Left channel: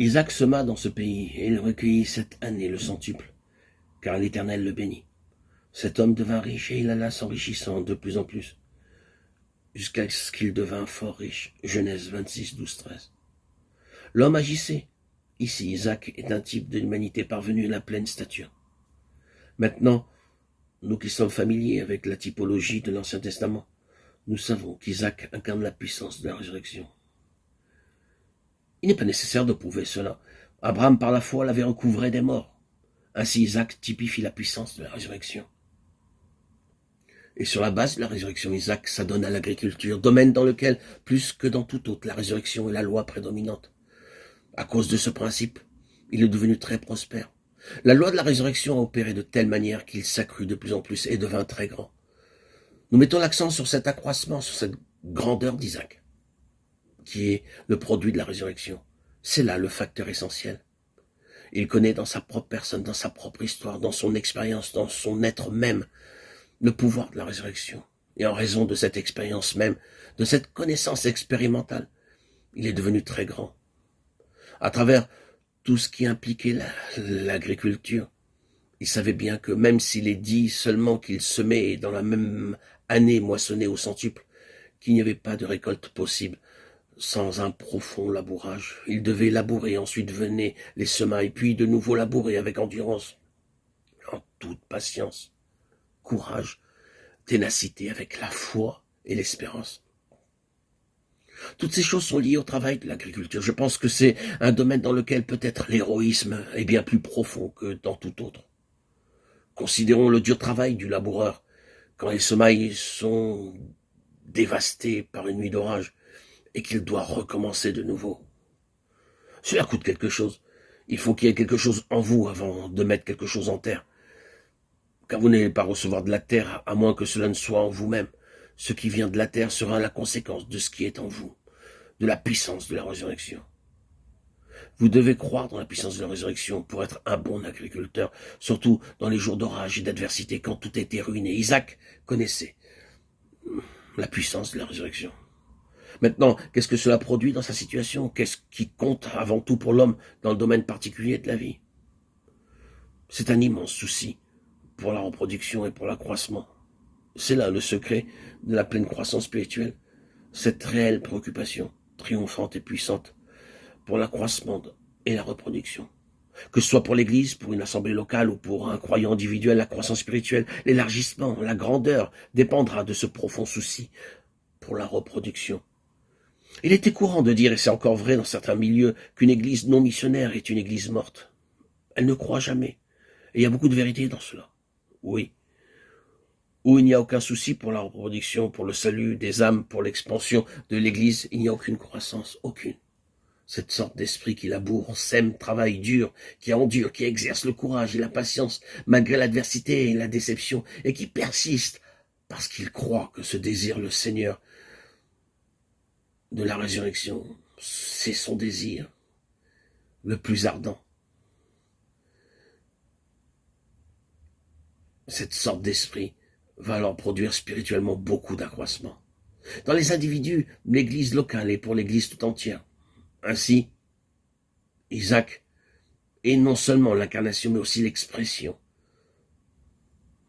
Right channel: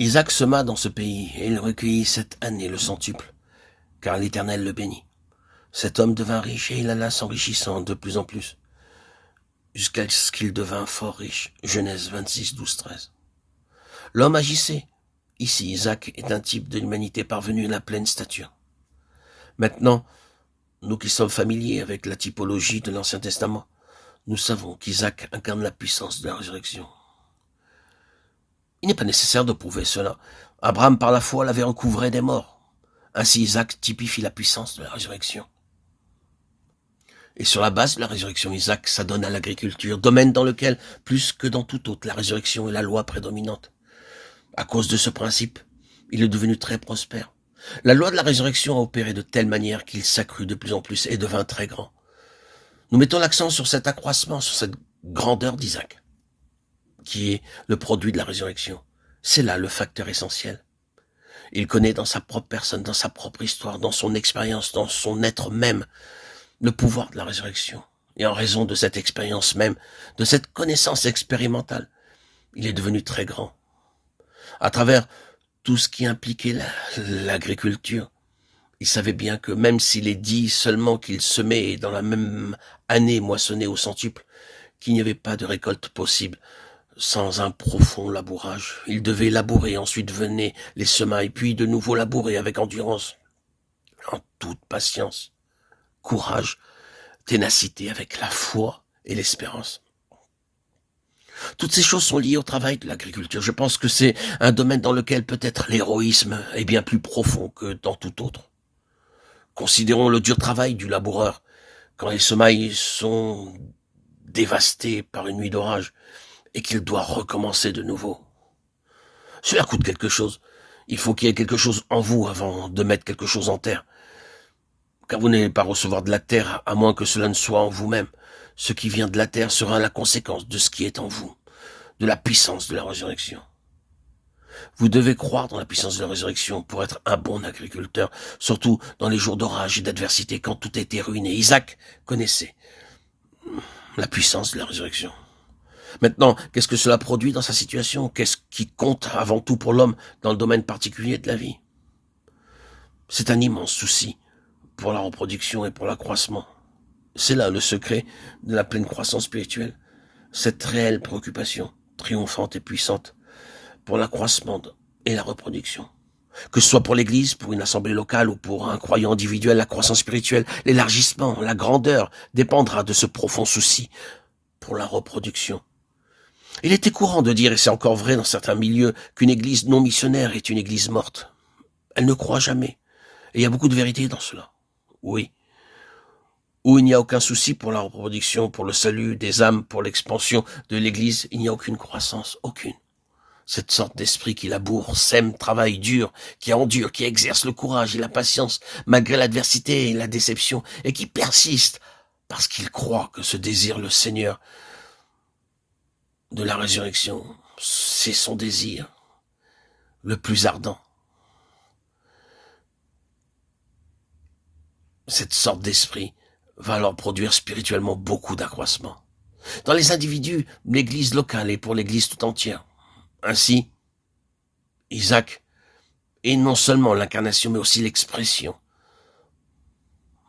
Isaac sema dans ce pays, et il recueillit 7 années le centuple, car l'Éternel le bénit. Cet homme devint riche, et il alla s'enrichissant de plus en plus, jusqu'à ce qu'il devint fort riche. Genèse 26, 12, 13. L'homme agissait. Ici, Isaac est un type de l'humanité parvenue à la pleine stature. Maintenant, nous qui sommes familiers avec la typologie de l'Ancien Testament, nous savons qu'Isaac incarne la puissance de la résurrection. Il n'est pas nécessaire de prouver cela. Abraham, par la foi, l'avait recouvré des morts. Ainsi, Isaac typifie la puissance de la résurrection. Et sur la base de la résurrection, Isaac s'adonne à l'agriculture, domaine dans lequel, plus que dans tout autre, la résurrection est la loi prédominante. À cause de ce principe, il est devenu très prospère. La loi de la résurrection a opéré de telle manière qu'il s'accrut de plus en plus et devint très grand. Nous mettons l'accent sur cet accroissement, sur cette grandeur d'Isaac, qui est le produit de la résurrection. C'est là le facteur essentiel. Il connaît dans sa propre personne, dans sa propre histoire, dans son expérience, dans son être même, le pouvoir de la résurrection. Et en raison de cette expérience même, de cette connaissance expérimentale, il est devenu très grand. À travers tout ce qui impliquait l'agriculture, il savait bien que même s'il est dit seulement qu'il semait dans la même année moissonnée au centuple, qu'il n'y avait pas de récolte possible sans un profond labourage. Il devait labourer, ensuite venaient les semailles, puis de nouveau labourer avec endurance, en toute patience, courage, ténacité, avec la foi et l'espérance. Toutes ces choses sont liées au travail de l'agriculture. Je pense que c'est un domaine dans lequel peut-être l'héroïsme est bien plus profond que dans tout autre. Considérons le dur travail du laboureur quand les semailles sont dévastées par une nuit d'orage et qu'il doit recommencer de nouveau. Cela coûte quelque chose. Il faut qu'il y ait quelque chose en vous avant de mettre quelque chose en terre. Car vous n'allez pas recevoir de la terre à moins que cela ne soit en vous-même. Ce qui vient de la terre sera la conséquence de ce qui est en vous, de la puissance de la résurrection. Vous devez croire dans la puissance de la résurrection pour être un bon agriculteur, surtout dans les jours d'orage et d'adversité, quand tout était ruiné. Isaac connaissait la puissance de la résurrection. Maintenant, qu'est-ce que cela produit dans sa situation? Qu'est-ce qui compte avant tout pour l'homme dans le domaine particulier de la vie? C'est un immense souci pour la reproduction et pour l'accroissement. C'est là le secret de la pleine croissance spirituelle, cette réelle préoccupation triomphante et puissante pour l'accroissement et la reproduction. Que ce soit pour l'Église, pour une assemblée locale ou pour un croyant individuel, la croissance spirituelle, l'élargissement, la grandeur dépendra de ce profond souci pour la reproduction. Il était courant de dire, et c'est encore vrai dans certains milieux, qu'une Église non missionnaire est une Église morte. Elle ne croit jamais. Et il y a beaucoup de vérité dans cela. Oui. Où il n'y a aucun souci pour la reproduction, pour le salut des âmes, pour l'expansion de l'Église, il n'y a aucune croissance, aucune. Cette sorte d'esprit qui laboure, sème, travaille dur, qui endure, qui exerce le courage et la patience, malgré l'adversité et la déception, et qui persiste, parce qu'il croit que ce désir le Seigneur de la résurrection, c'est son désir le plus ardent. Cette sorte d'esprit va alors produire spirituellement beaucoup d'accroissement. Dans les individus, l'Église locale et pour l'Église tout entière. Ainsi, Isaac est non seulement l'incarnation, mais aussi l'expression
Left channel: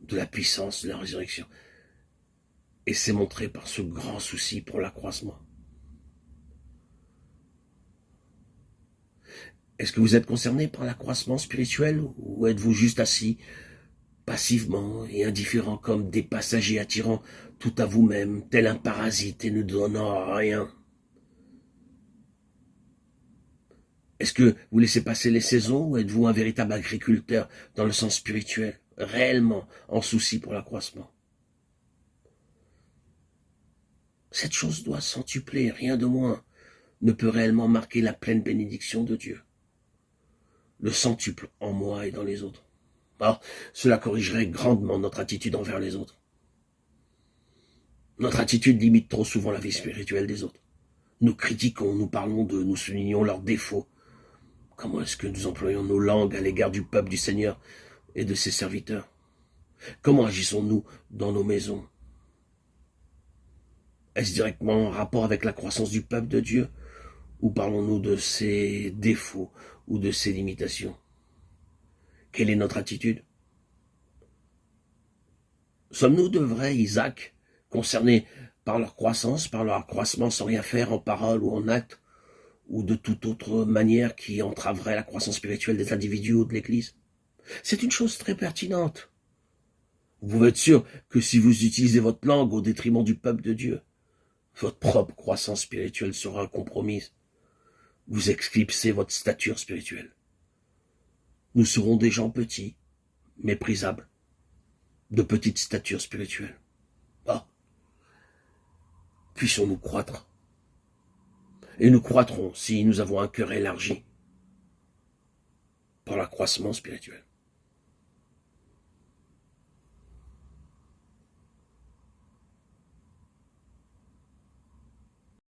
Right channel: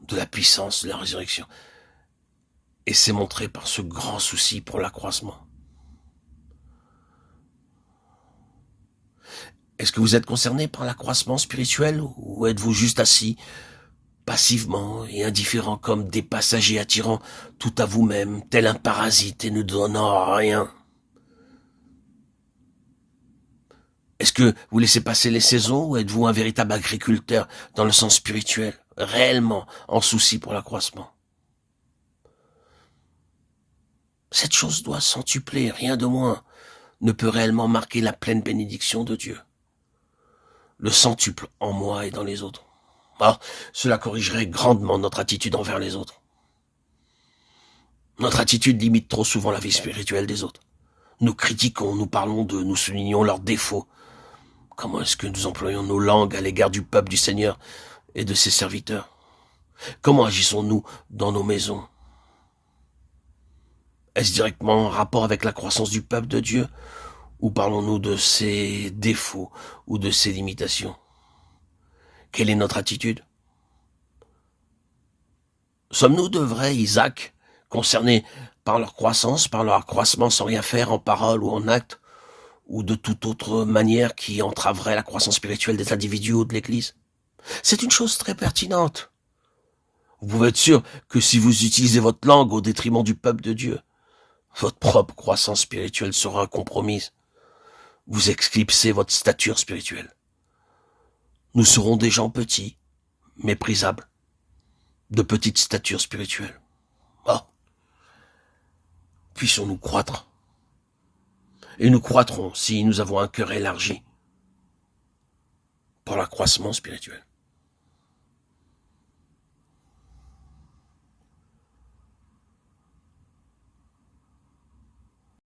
de la puissance de la résurrection. Et c'est montré par ce grand souci pour l'accroissement. Est-ce que vous êtes concerné par l'accroissement spirituel ou êtes-vous juste assis passivement et indifférent comme des passagers attirant tout à vous-même, tel un parasite et ne donnant rien? Est-ce que vous laissez passer les saisons ou êtes-vous un véritable agriculteur dans le sens spirituel, réellement en souci pour l'accroissement? Cette chose doit centupler, rien de moins ne peut réellement marquer la pleine bénédiction de Dieu. Le centuple en moi et dans les autres. Alors, cela corrigerait grandement notre attitude envers les autres. Notre attitude limite trop souvent la vie spirituelle des autres. Nous critiquons, nous parlons d'eux, nous soulignons leurs défauts. Comment est-ce que nous employons nos langues à l'égard du peuple du Seigneur et de ses serviteurs? Comment agissons-nous dans nos maisons? Est-ce directement en rapport avec la croissance du peuple de Dieu? Ou parlons-nous de ses défauts ou de ses limitations? Quelle est notre attitude? Sommes-nous de vrais Isaac, concernés par leur croissance, par leur accroissement sans rien faire en parole ou en acte, ou de toute autre manière qui entraverait la croissance spirituelle des individus ou de l'Église? C'est une chose très pertinente. Vous pouvez être sûr que si vous utilisez votre langue au détriment du peuple de Dieu, votre propre croissance spirituelle sera compromise. Vous éclipsez votre stature spirituelle. Nous serons des gens petits, méprisables, de petite stature spirituelle. Ah, puissions-nous croître. Et nous croîtrons si nous avons un cœur élargi pour l'accroissement spirituel.